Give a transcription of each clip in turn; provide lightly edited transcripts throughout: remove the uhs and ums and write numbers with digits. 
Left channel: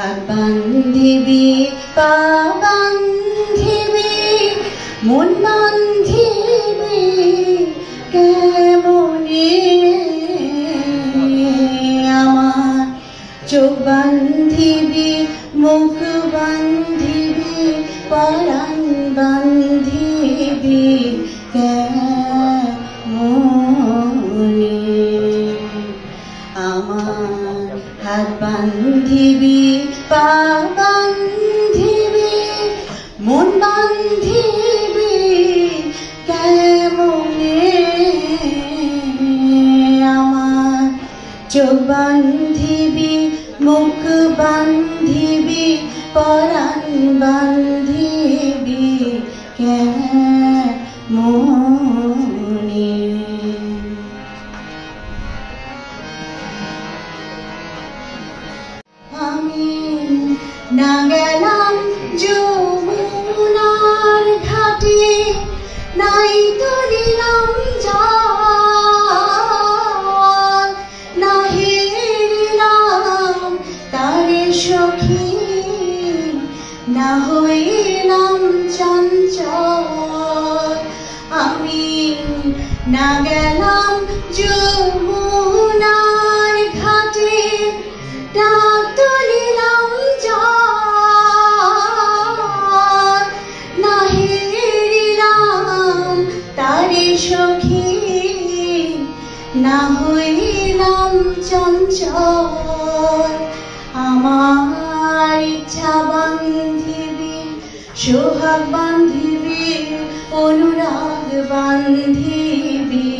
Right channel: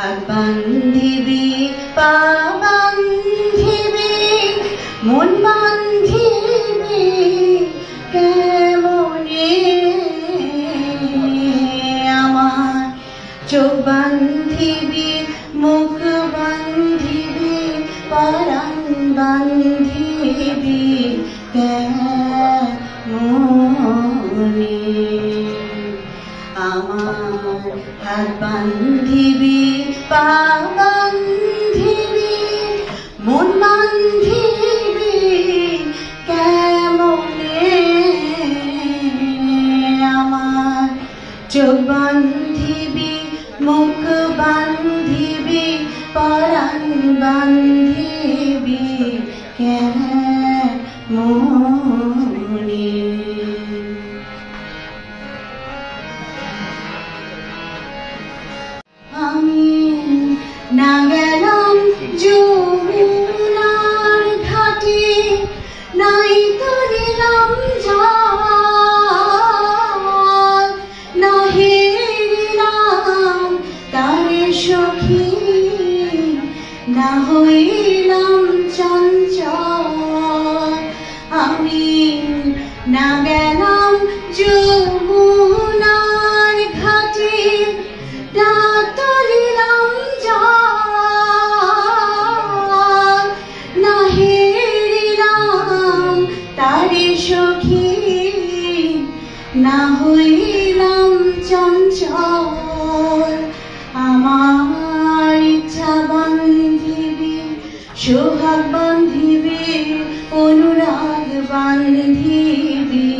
হাত বান্ধিবি পা বান্ধিবি মন বান্ধিবি কেমনে আমার চোখ বান্ধিবি মুখ বান্ধিবি পরাণ বান্ধিবি কেমনে আমার হাত বান্ধিবি পা বান্ধিবি মন বান্ধিবি কেমনে আমার চোখ বান্ধিবি মুখ বান্ধিবি পরাণ বান্ধিবি কেমনে আমি না গেলাম যমুনার ঘাটে নাই তুলিলাম জল না হেরিলাম তারে সখী না হইলাম চঞ্চল আমি না গেলাম যমুনার ঘাটে না তুলিলাম জল না হেরিলাম তারে সখী না হইলাম চঞ্চল আমার ইচ্ছা বান্ধিবি সোহাগ বান্ধিবি অনুরাগ বান্ধিবি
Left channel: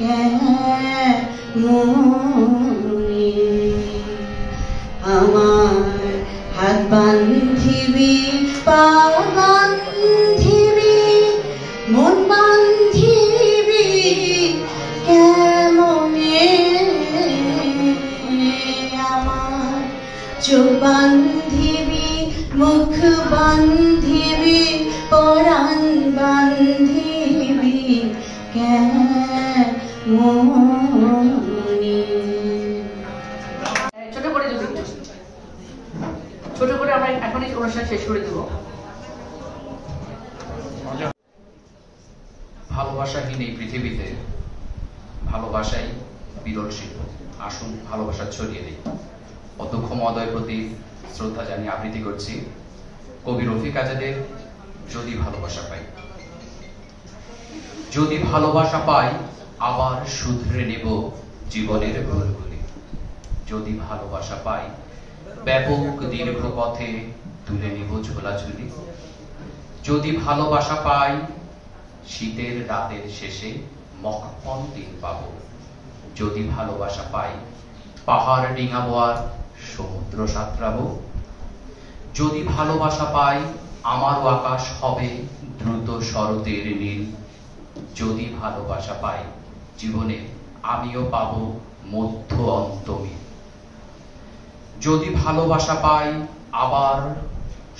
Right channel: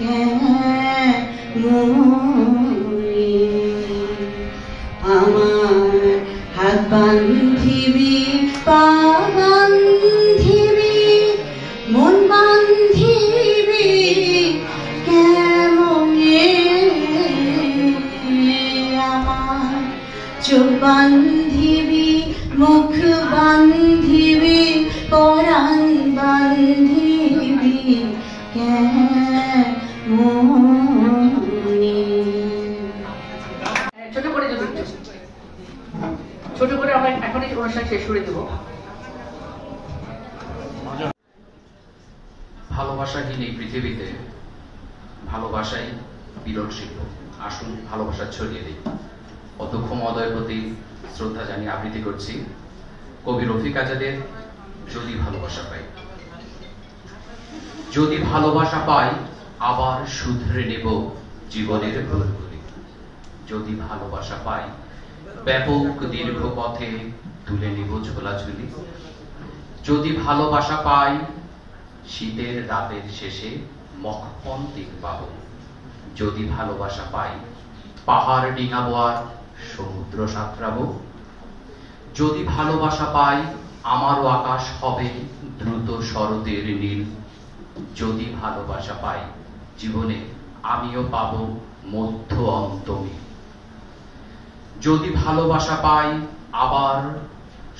কেমনে আমার হাত বান্ধিবি পা বান্ধিবি মন বান্ধিবি কেমনে আমার চোখ বান্ধিবি মুখ বান্ধিবি পরাণ বান্ধিবি কেমনে ছোট করে দেবো, ছোট করে আমরা এখনই অনুষ্ঠান শেষ করে দেবো। ভালোবাসাহীন এই পৃথিবীতে ভালোবাসাই বিরল শিল্প। আসুন ভালোবাসা ছড়িয়ে দিই। অধ্যক্ষ মহোদয়ের প্রতি শ্রদ্ধা জানিয়ে আবৃত্তি করছি কবি রফিক আজাদের যদি ভালোবাসা পাই। যদি ভালোবাসা পাই আবার শুধরে নেব জীবনের ভুলগুলি। যদি ভালোবাসা পাই ব্যাপক দীর্ঘ পথে তুলে নেব ঝোলাঝুলি। যদি ভালোবাসা পাই শীতের রাতের শেষে মখমল দিন পাব। যদি ভালোবাসা পাই পাহাড় ডিঙাবো আর সমুদ্র সাঁতরাবো। যদি ভালোবাসা পাই আমারও আকাশ হবে দ্রুত শরতের নীল। যদি ভালোবাসা পাই জীবনে আমিও পাবো মধ্য অন্তমিল। যদি ভালোবাসা পাই আবার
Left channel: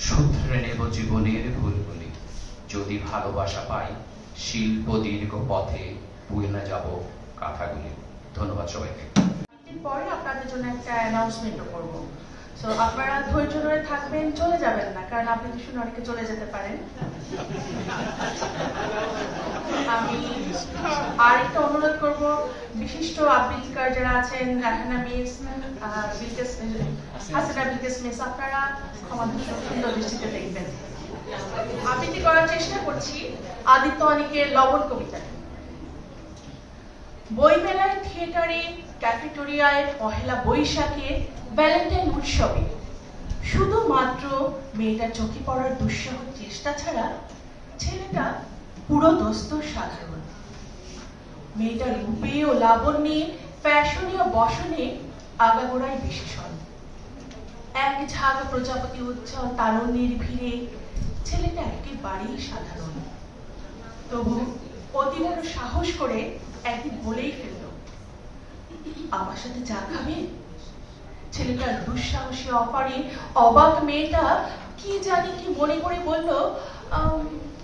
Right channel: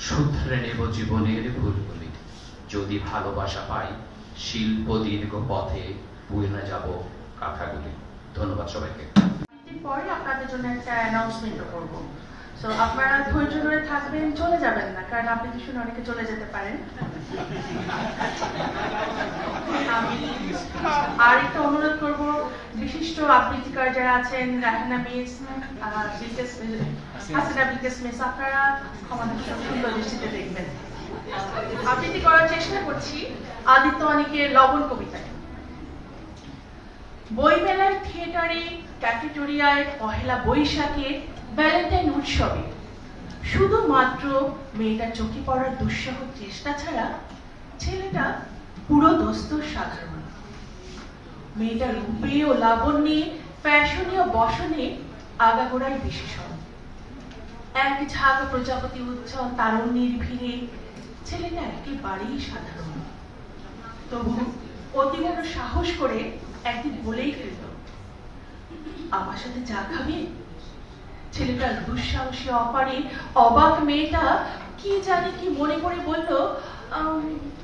শুধরে নেব জীবনের ভুলগুলি। যদি ভালোবাসা পাই শিল্প দীর্ঘ পথে বয়ে না যাব কাঁথাগুলি। ধন্যবাদ সবাইকে। পরে আপনাদের জন্য একটা অ্যানাউন্সমেন্ট করব। সো আপনারা ধৈর্য ধরে থাকবেন, চলে যাবেন না, কারণ আপনি কি শুনে অনেকে চলে যেতে পারেন। আমি আর একটা অনুরোধ করব, বিশিষ্ট আবৃত্তিকার যারা আছেন রাহানা মিস, হাসিনা বিলকিস মিস, আপনারা আমাদের সুন্দর দৃষ্টিতে দেখবেন। আবৃত্তি করার চেষ্টা করছি আদিত্য অনিকের লবণ কবিতা। বইমেলায়, থিয়েটারে, ক্যাফেটেরিয়ায়, পহেলা বৈশাখে, ভ্যালেন্টাইন উৎসবে শুধুমাত্র মেয়েটার চোখে পড়ার দুঃসহ চেষ্টা ছাড়া ছেলেটা পুরো দোস্ত সাধারণ। মেয়েটার রূপে ও লাবণ্যে, ফ্যাশনে ও বসনে আগাগোড়ায় বিশেষণ। এক ঝাঁক প্রজাপতি উচ্ছল তারুণ্যের ভিড়ে ছেলেটা একেবারেই সাধারণ। তবু অতি বড় সাহস করে একদিন বলেই ফেলল, আমার সাথে চা খাবে? ছেলেটার দুঃসাহসী অপারে অবাক মেয়েটা কি জানি কি মনে করে বলল,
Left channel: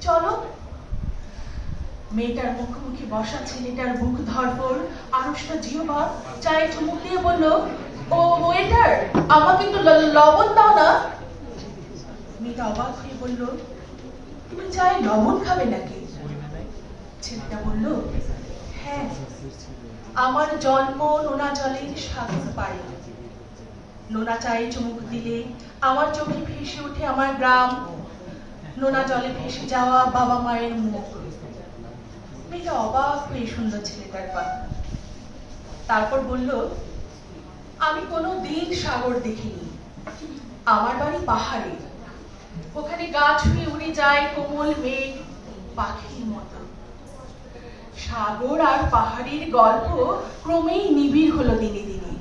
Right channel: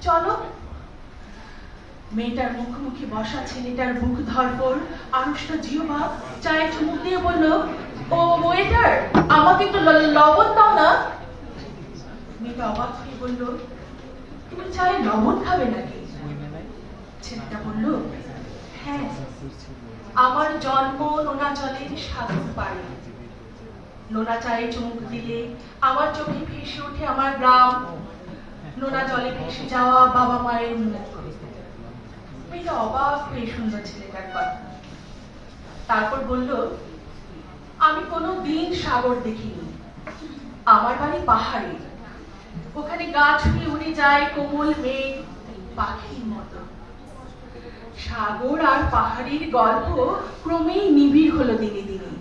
চলো। মেয়েটার মুখোমুখি বসা ছেলেটার বুক ধরপড়, আনুষ্ঠা জিহবা চায়ে চুমুক দিয়ে বলল, ও ওয়েটার, আমাকে একটু লবণ দাও না। মেয়েটা অবাক হয়ে বলল, তুমি চায়ে লবণ খাবে নাকি? ছেলেটা বলল, হ্যাঁ, আমার জন্ম নোনা জলের সাগর পাড়ে। নোনা চায়ে চুমুক দিলে আমার চোখে ভেসে ওঠে আমার গ্রাম, নোনা জলে ভেসে যাওয়া বাবা মায়ের মুখ। মেয়েটা অবাক হয়ে শুনল ছেলেটার কথা। তারপর বলল, আমি কোনো দিন সাগর দেখিনি। আমার বাড়ি পাহাড়ে, ওখানে গাছ হয়ে উড়ে যায় কোমল মেঘ পাখির মতো। সাগর আর পাহাড়ের গল্প ক্রমেই নিবিড় হলো দিনে দিনে।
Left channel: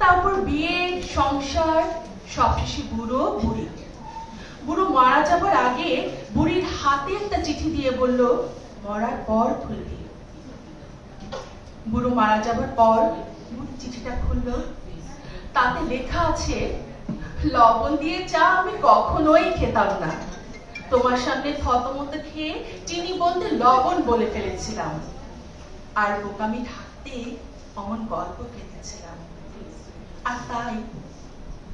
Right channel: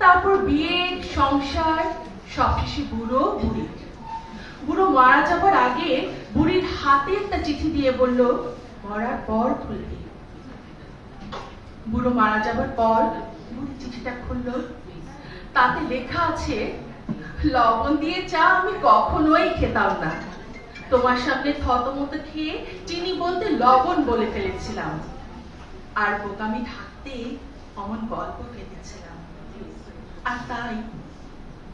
তারপর বিয়ে, সংসার, সবশেষে বুড়ো বুড়ি। বুড়ো মারা যাবার আগে বুড়ির হাতে একটা চিঠি দিয়ে বলল, মরার পর খুলবে। বুড়ো মারা যাবার পর বুড়ি চিঠিটা খুলল। তাতে লেখা আছে, লবণ দিয়ে চা আমি কখনোই খেতাম না। তোমার সামনে থতমত খেয়ে চিনি বলতে লবণ বলে ফেলেছিলাম, আর বোকামি ঢাকতে অমন গল্প কেটেছিলাম। আর তাই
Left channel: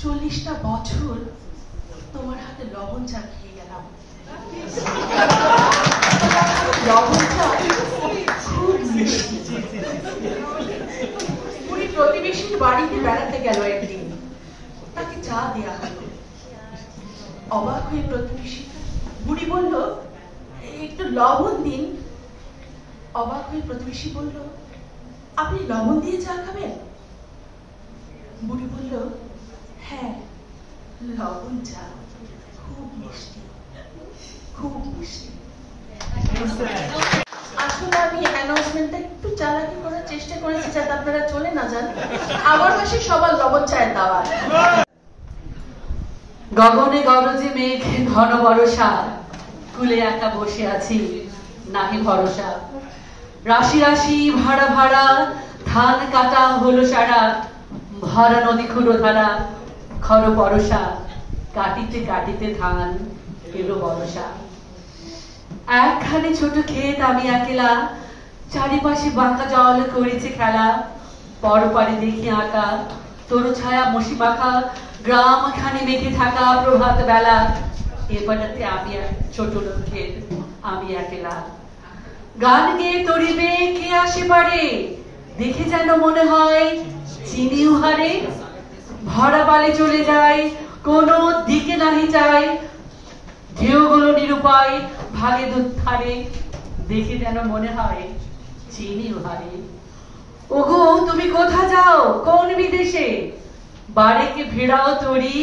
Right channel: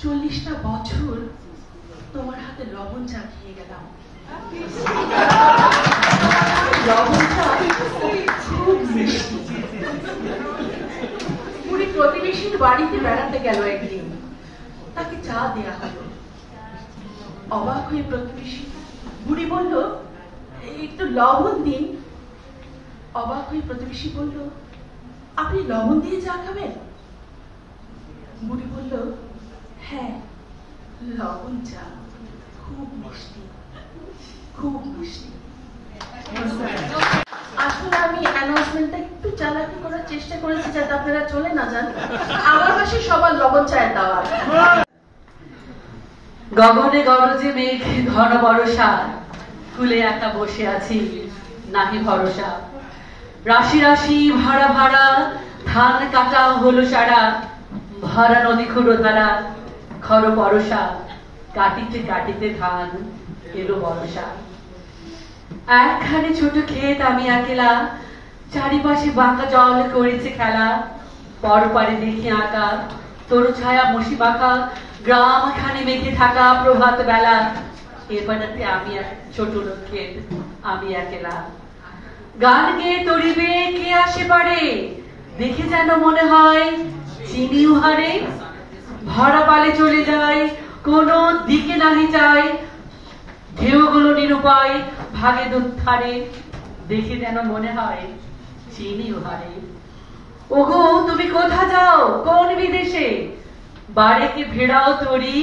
40টা বছর তোমার হাতে লবণ চা খেয়ে গেলাম। লবণ চা খুব মিষ্টি। বুড়ি প্রতিবেশীর বাড়িতে বেড়াতে গেল একদিন, তাকে চা দেয়া হলো। অবাক হয়ে প্রতিবেশী, বুড়ি বলল, একটু লবণ দিন। অবাক হয়ে প্রতিবেশী বলল, আপনি লবণ দিয়ে চা খাবেন? বুড়ি বলল, হ্যাঁ, লবণ চা খুব মিষ্টি, খুব মিষ্টি। আসলে আমি অ্যানাউন্সমেন্টটা একটু চালাকি করার চেষ্টা করেছি যাতে আপনারা চলে না যান। আমার পাশে সবার লবণ চায়ের দাওয়াত। গগনে গরজে মেঘ ঘন বরষা, কুলে একা বসে আছি নাহি ভরসা। রাশি রাশি ভাড়া ভাড়া ধান কাটা হলো সারা, ভরা নদী ক্ষুরো ধারা খর পরশা। কাটিতে কাটিতে ধান এলো বরষা। একখানে ছোট ক্ষেত আমি একলা, চারিপাশে বাঁকা জল করেছে খেলা। পরপারে দেখি আঁকা তরু ছায়া মশি বাঁকা, গ্রাম খানে মেঘে থাকা প্রভাত বেলা। এপাড়াতে আমি এক ছোট লোকের, আমি একলা। গান গেয়ে তরিবে কে আসে পারে, দেখে যেন মনে হয় চিনি উহারে। ভরা পালে চলে যায়, কোনো দিকে নাহি যায়, ঢেউগুলো নিরুপায় ভাগে দুধারে। দেখে যেন মনে হয় চিনি উহারে। ওগো তুমি কোথা যাও, কোন বিদেশে? বাড়িকে ভেড়াও তরি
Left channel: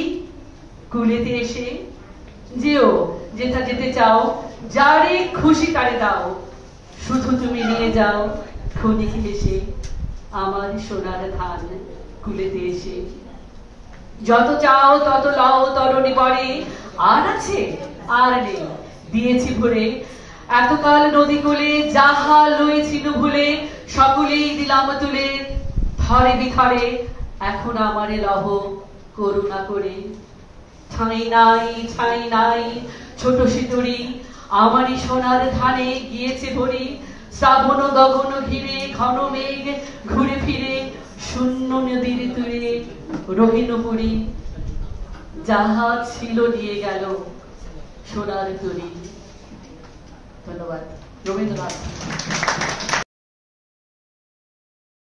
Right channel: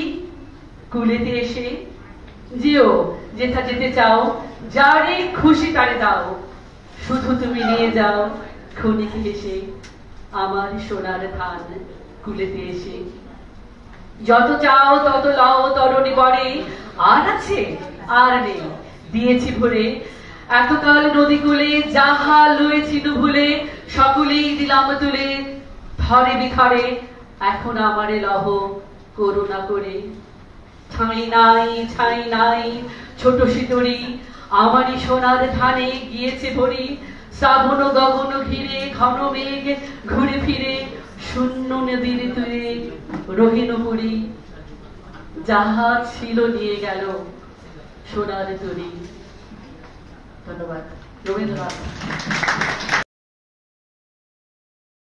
কুলেতে এসে। যেও যেথা যেতে চাও, যারে খুশি তারে দাও। শুধু তুমি নিয়ে যাও ক্ষণিক এসে আমার সোনার ধান কুলেতে এসে। যত চাও তত লও তরণী পরে, আর আছে আর নেই দিয়েছি ভরে। এতকাল নদী কূলে যাহা লয়েছিল ভুলে, সকলেই দিলাম তুলে থরে বিথরে। এখন আমারে লহ করুণা করে। ছাই নাই ছাই নাই ছোট সিঁদুরি, আমারই সোনার ধানে গিয়েছে ভরি। শ্রাবণ গগন ঘিরে ঘন মেঘ ঘুরে ফিরে, শূন্য নদীর তীরে রহিন পুরী। যাহা ছিল নিয়ে গেল সোনার তরী। ধন্যবাদ। রবীন্দ্রনাথ।